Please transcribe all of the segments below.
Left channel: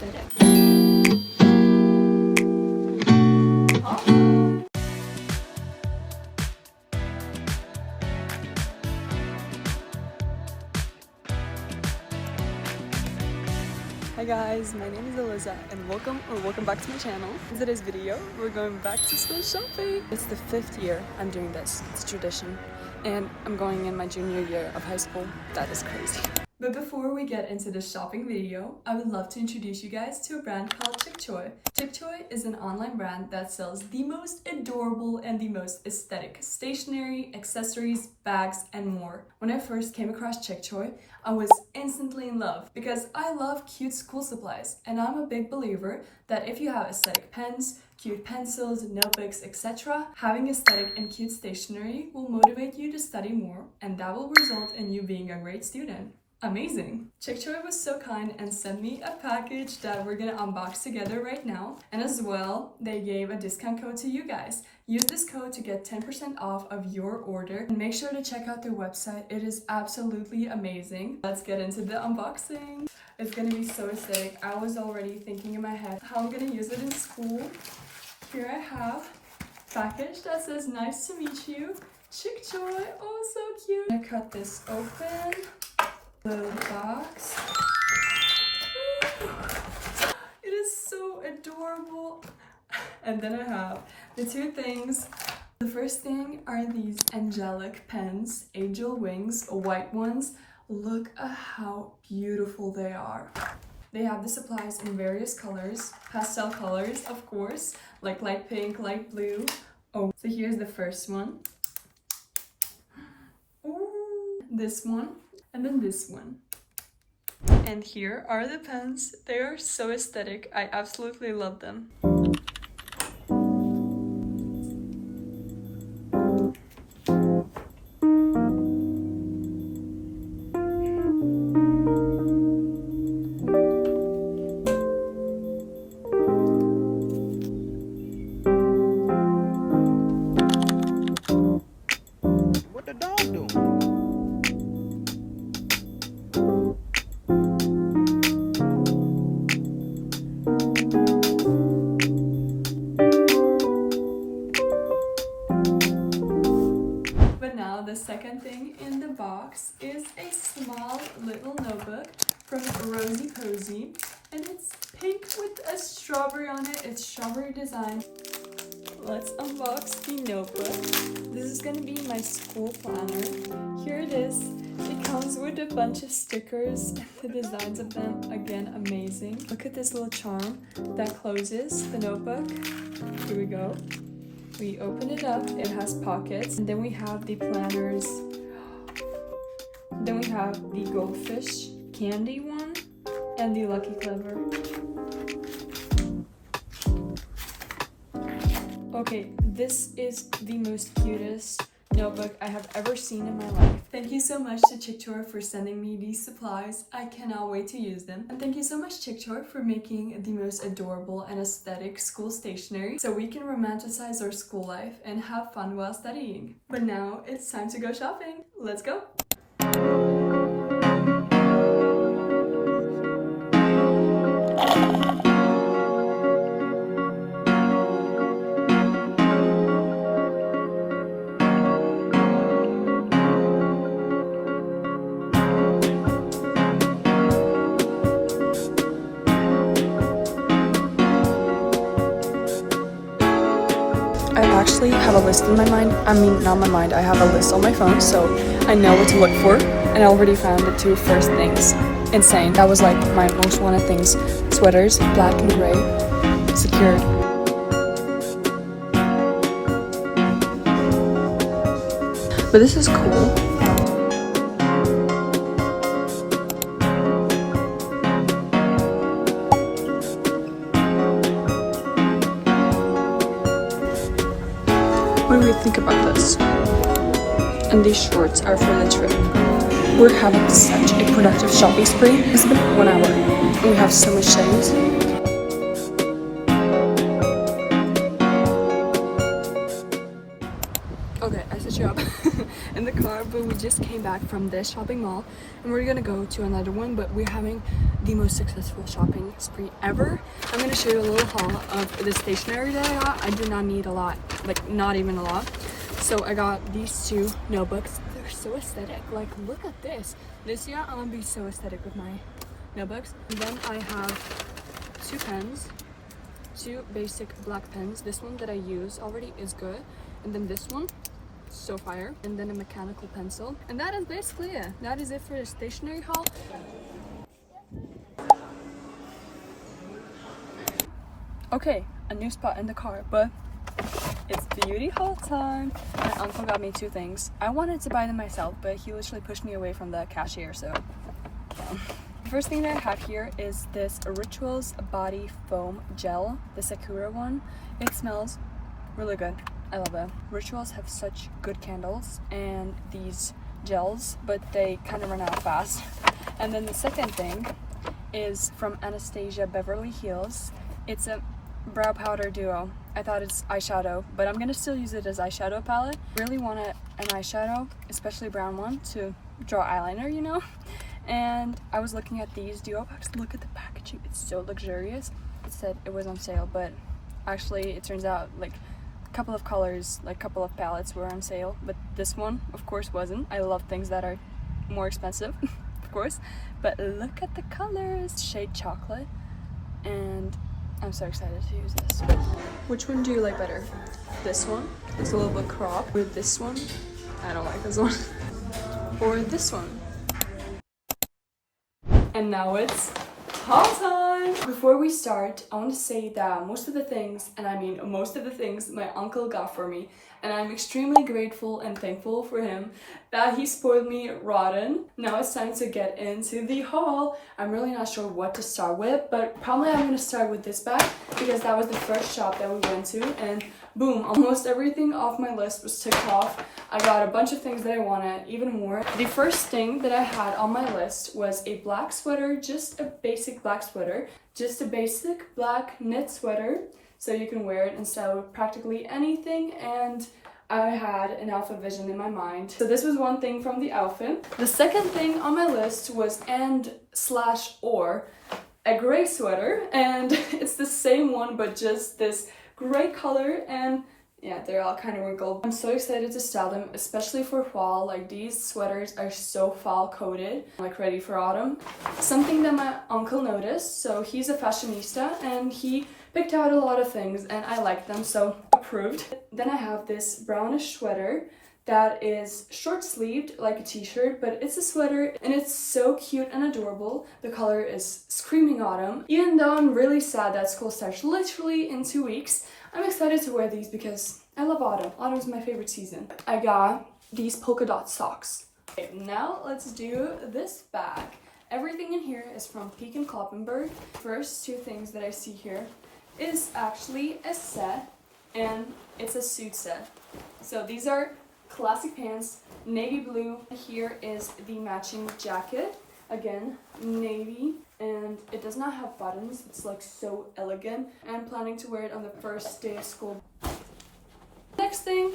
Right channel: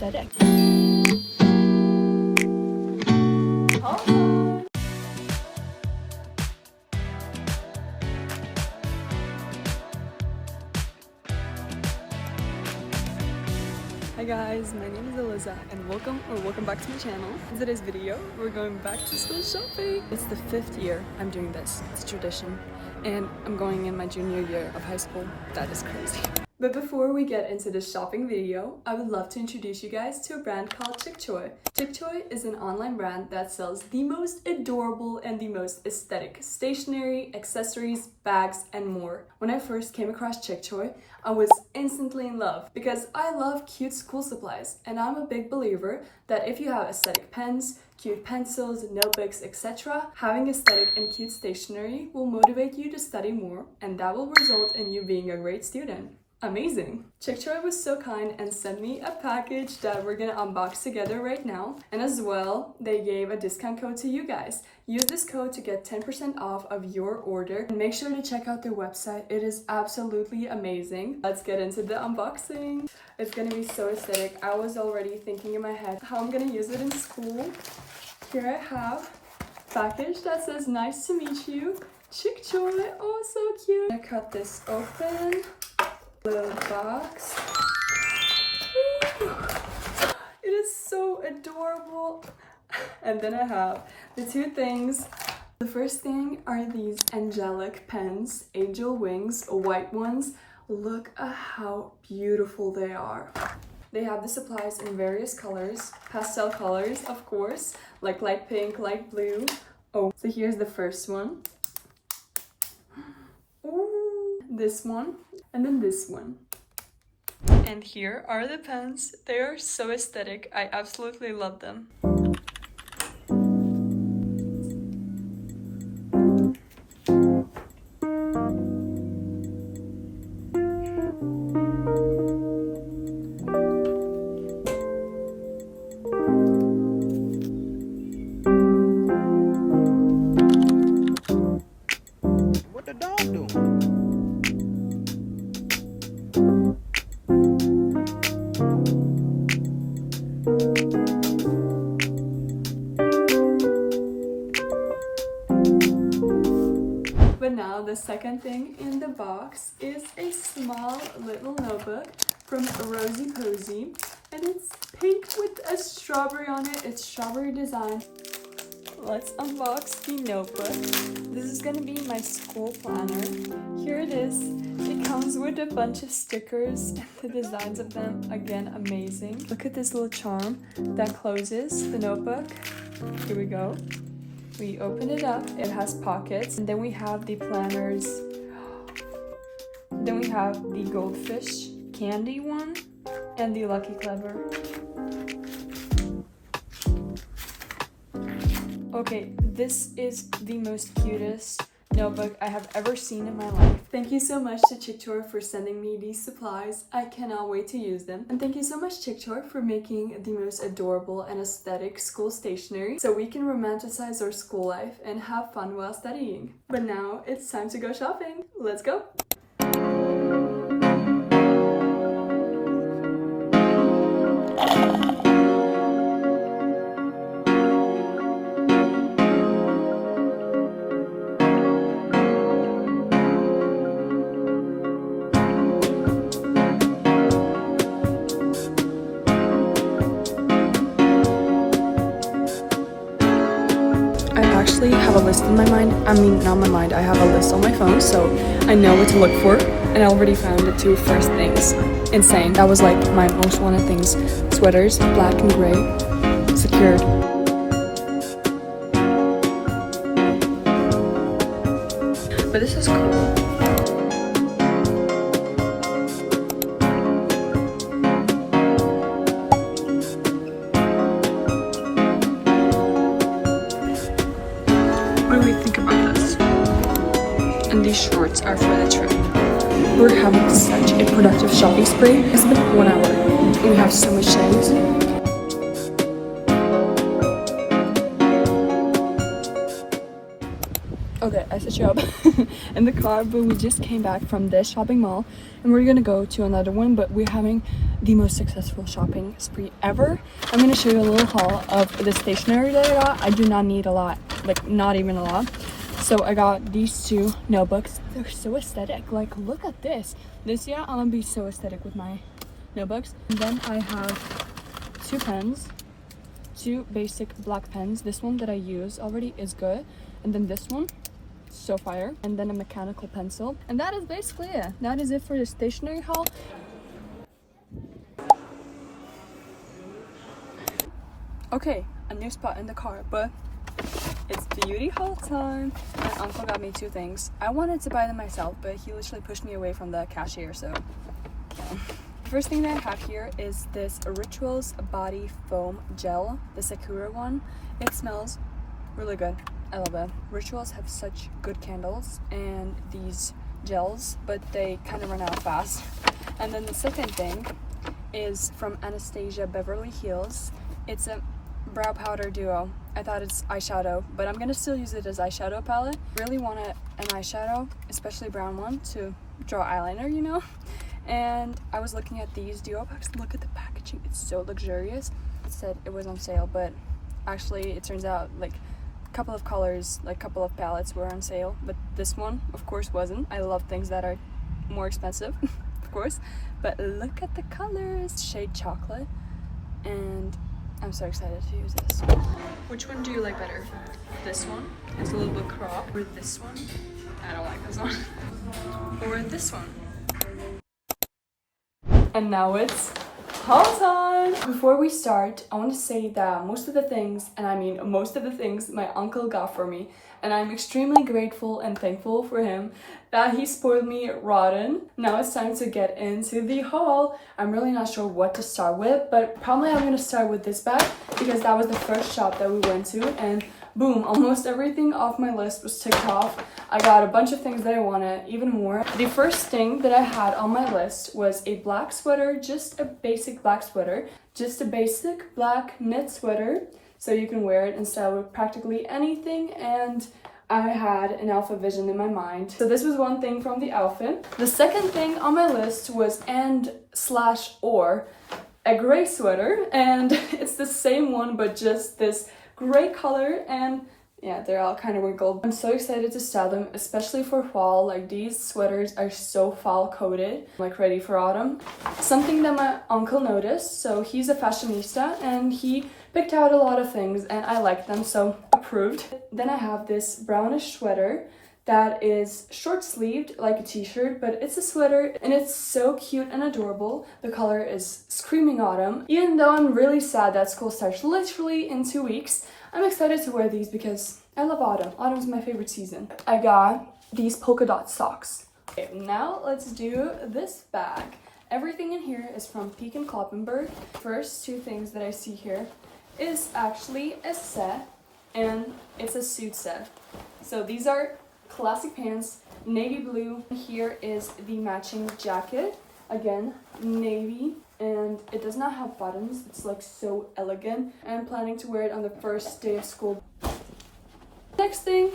aesthetic. Hi guys, my name is Eliza and welcome back to my channel. In today's video, we're going back to school shopping. It's the 5th year I'm doing this. It's a tradition. And I'm going in my junior year of high school. That is crazy. But before we get into this shopping video, I would love to introduce you guys to a brand called Chic Choi. Chic Choi is an online brand that sells the most adorable and the most aesthetic stationery, accessories, bags, and more. When I first came across Chic Choi, I was instantly in love because I love cute school supplies, and I'm a big believer that if you have aesthetic pens, cute pencils, notebooks, etc., having aesthetic and cute stationery will motivate you to study more, and that will result in you being a great student. Amazing! Chic Choi was so kind and sent me a package that we're gonna unbox together right now. And as well, they gave a discount code to you guys. Use this code to get 10% off of your order. And make sure to check out their website. It is absolutely amazing. Let's get into the unboxing. It's gonna be so aesthetic. I was already thinking in my head how I'm gonna use it in school. Here I have a package that says nice to meet you. Chic Choi, oh so cute. I'm gonna cut this open. Little box. Ooh. It is so adorable. And then I have the two things. The first thing are these angelic pens, angel wings, white ones. Look at how beautiful they are. They have the supplies in various colors, pastel colors, of course, like light pink, light blue. Oh, so here's the first one. Ooh, this one. And then this one. And here are the pens. They are so aesthetic. I absolutely love them. What the dog doing? But now the second thing in the box is a small little notebook from Rosy Posy, and it's pink with a strawberry on it. It's strawberry design. Let's unbox the notebook. This is gonna be my school planner. Here it is. It comes with a bunch of stickers. The designs of them, again, amazing. Look at this little charm that closes the notebook. Here we go. We open it up, it has pockets, and then we have the planners. Then we have the goldfish candy one and the Lucky Clever. Okay, this is the most cutest notebook I have ever seen in my life. Thank you so much to Chic Choi for sending me these supplies. I cannot wait to use them. And thank you so much, Chic Choi, for making the most adorable and aesthetic school stationery so we can romanticize our school life and have fun while studying. But now it's time to go shopping. Let's go! I actually have a list in my mind. I mean, not my mind. I have a list on my phone, so I know what to look for. And I already found the two first things. Insane. That was like my most wanted things. Sweaters, black and gray, secured. But this is cool. What do we think about this? And these shorts are for the trip. We're having such a productive shopping spree. It's been 1 hour and we have so much shades. Okay, I set you up in the car, but we just came back from this shopping mall and we're gonna go to another one, but we're having the most successful shopping spree ever. I'm gonna show you a little haul of the stationery that I got. I do not need a lot, like not even a lot. So I got these two notebooks. They're so aesthetic. Like, look at this. This year I'm gonna be so aesthetic with my notebooks. And then I have two pens, two basic black pens. This one that I use already is good. And then this one, so fire. And then a mechanical pencil. And that is basically it. That is it for the stationery haul. Okay, a new spot in the car, but it's beauty haul time. My uncle got me two things. I wanted to buy them myself, but he literally pushed me away from the cashier, so yeah. The first thing that I have here is this Rituals Body Foam Gel, the Sakura one. It smells really good. I love it. Rituals have such good candles and these gels, but they kind of run out fast. And then the second thing is from Anastasia Beverly Hills. It's a brow powder duo. I thought it's eyeshadow, but I'm gonna still use it as eyeshadow palette. Really want an eyeshadow, especially a brown one, to draw eyeliner, you know? And I was looking at these duo packs. Look at the packaging, it's so luxurious. It said it was on sale, but actually it turns out like a couple of colors, like a couple of palettes were on sale, but this one of course wasn't. I love things that are more expensive, of course, but look at the colors. Shade chocolate, and I'm so excited to use this. Which one do you like better? This one? It's a little bit cropped. Or this one? I don't like this one. Or this one. And now it's haul time! Before we start, I want to say that most of the things, and I mean most of the things, my uncle got for me, and I'm extremely grateful and thankful for him that he spoiled me rotten. Now it's time to get into the haul. I'm really not sure what to start with, but probably I'm gonna start with this bag because that was the first shop that we went to, and boom, almost everything off my list was ticked off. I got a bunch of things that I wanted, even more. The first thing that I had on my list was a black sweater, just a basic black sweater, just a basic black knit sweater, so you can wear it and style with practically anything. And I had an outfit vision in my mind, so this was one thing from the outfit. The second thing on my list was or a gray sweater, and it's the same one but just this gray color, and yeah, they're all kind of wrinkled. I'm so excited to style them, especially for fall. Like, these sweaters are so fall coated, like ready for autumn. Something that my uncle noticed, so he's a fashionista and he picked out a lot of things and I liked them, so approved. Then I have this brownish sweater that is short sleeved like a t-shirt, but it's a sweater and it's so cute and adorable. The color is screaming autumn. Even though I'm really sad that school starts literally in 2 weeks, I'm excited to wear these because I love autumn. Autumn's my favorite season. I got these polka dot socks. Okay, now let's do this bag. Everything in here is from Peek & Kloppenburg. First two things that I see here is actually a set, and it's a suit set. So these are classic pants, navy blue. Here is the matching jacket, again navy, and it does not have buttons. It's like so elegant. I'm planning to wear it on the first day of school. Next thing,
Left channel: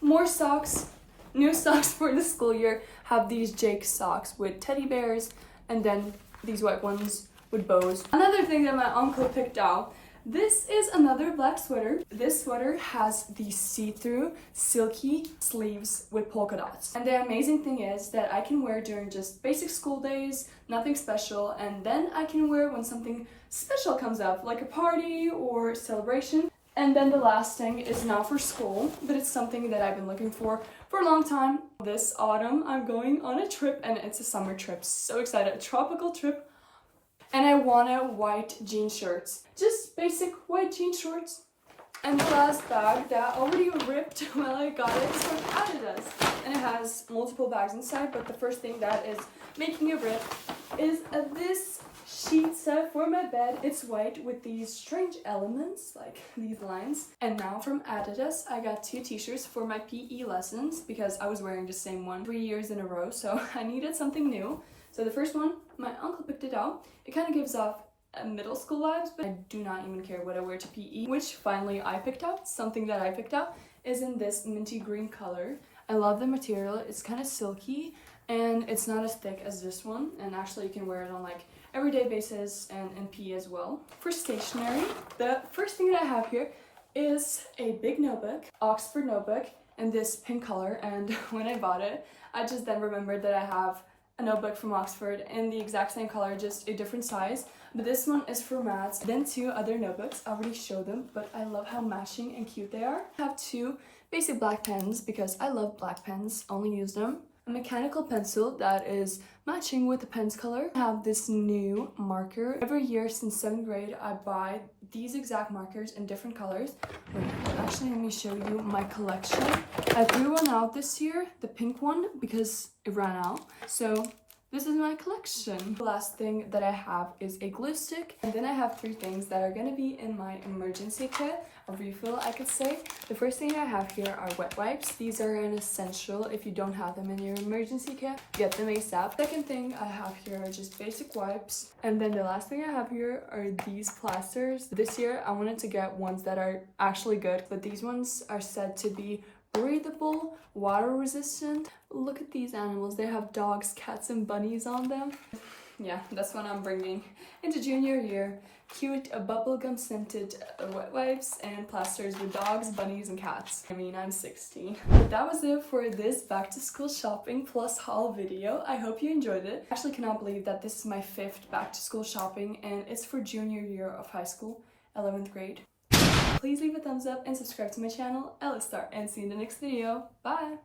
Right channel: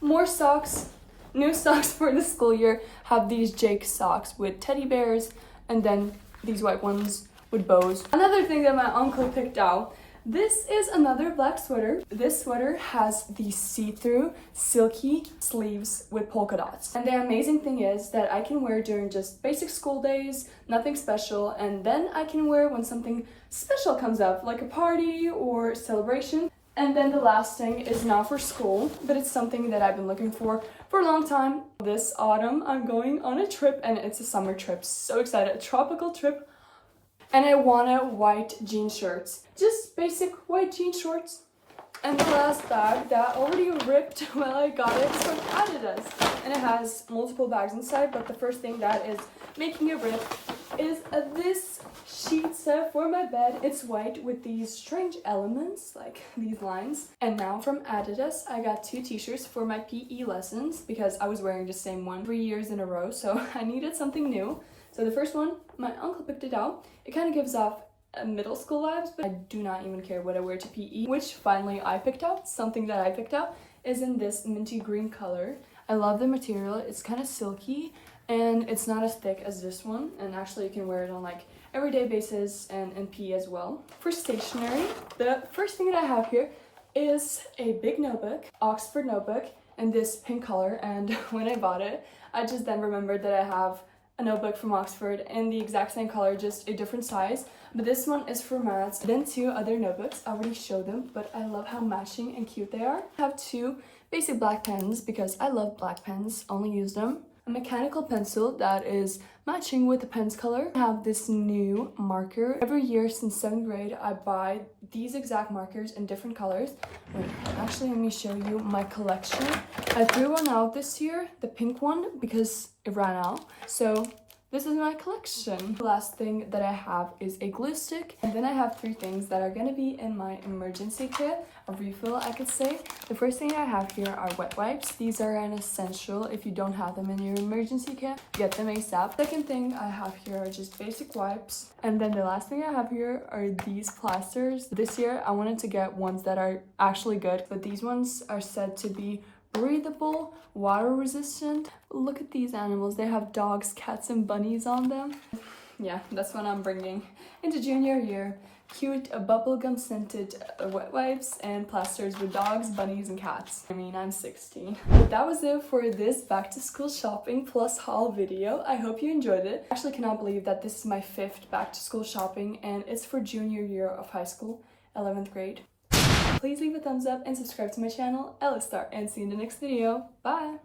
more socks. New socks for the school year. Have these Jake socks with teddy bears, and then these white ones with bows. Another thing that my uncle picked out, this is another black sweater. This sweater has these see-through silky sleeves with polka dots. And the amazing thing is that I can wear during just basic school days, nothing special, and then I can wear when something special comes up, like a party or celebration. And then the last thing is not for school, but it's something that I've been looking for a long time. This autumn, I'm going on a trip, and it's a summer trip. So excited, a tropical trip. And I wanted white jean shirts. Just basic white jean shorts. And the last bag that already ripped when I got it is from Adidas. And it has multiple bags inside, but the first thing that is making it rip is this sheet set for my bed. It's white with these strange elements, like these lines. And now from Adidas, I got two t-shirts for my PE lessons because I was wearing the same one 3 years in a row, so I needed something new. So the first one, my uncle picked it out. It kind of gives off middle school vibes, but I do not even care what I wear to PE, which finally I picked out. Something that I picked out is in this minty green color. I love the material. It's kind of silky and it's not as thick as this one, and actually you can wear it on like everyday basis and in PE as well. For stationery, the first thing that I have here is a big notebook, Oxford notebook, in this pink color. And when I bought it, I just then remembered that I have a notebook from Oxford in the exact same color, just a different size. But this one is for maths. Then two other notebooks, I already showed them, but I love how matching and cute they are. I have two basic black pens because I love black pens, only use them. A mechanical pencil that is matching with the pen's color. I have this new marker. Every year since 7th grade, I buy these exact markers in different colors. Wait, actually, let me show you my collection. I threw one out this year, the pink one, because it ran out. So this is my collection. The last thing that I have is a glue stick. And then I have three things that are gonna be in my emergency kit, a refill I could say. The first thing I have here are wet wipes. These are an essential. If you don't have them in your emergency kit, get them ASAP. Second thing I have here are just basic wipes. And then the last thing I have here are these plasters. This year I wanted to get ones that are actually good, but these ones are said to be breathable, water resistant. Look at these animals. They have dogs, cats, and bunnies on them. Yeah, that's what I'm bringing into junior year. Cute bubblegum scented wet wipes and plasters with dogs, bunnies, and cats. I mean, I'm 16. That was it for this back to school shopping plus haul video. I hope you enjoyed it. I actually cannot believe that this is my 5th back to school shopping and it's for junior year of high school, 11th grade. Please leave a thumbs up and subscribe to my channel, Ella Star, and see you in the next video. Bye!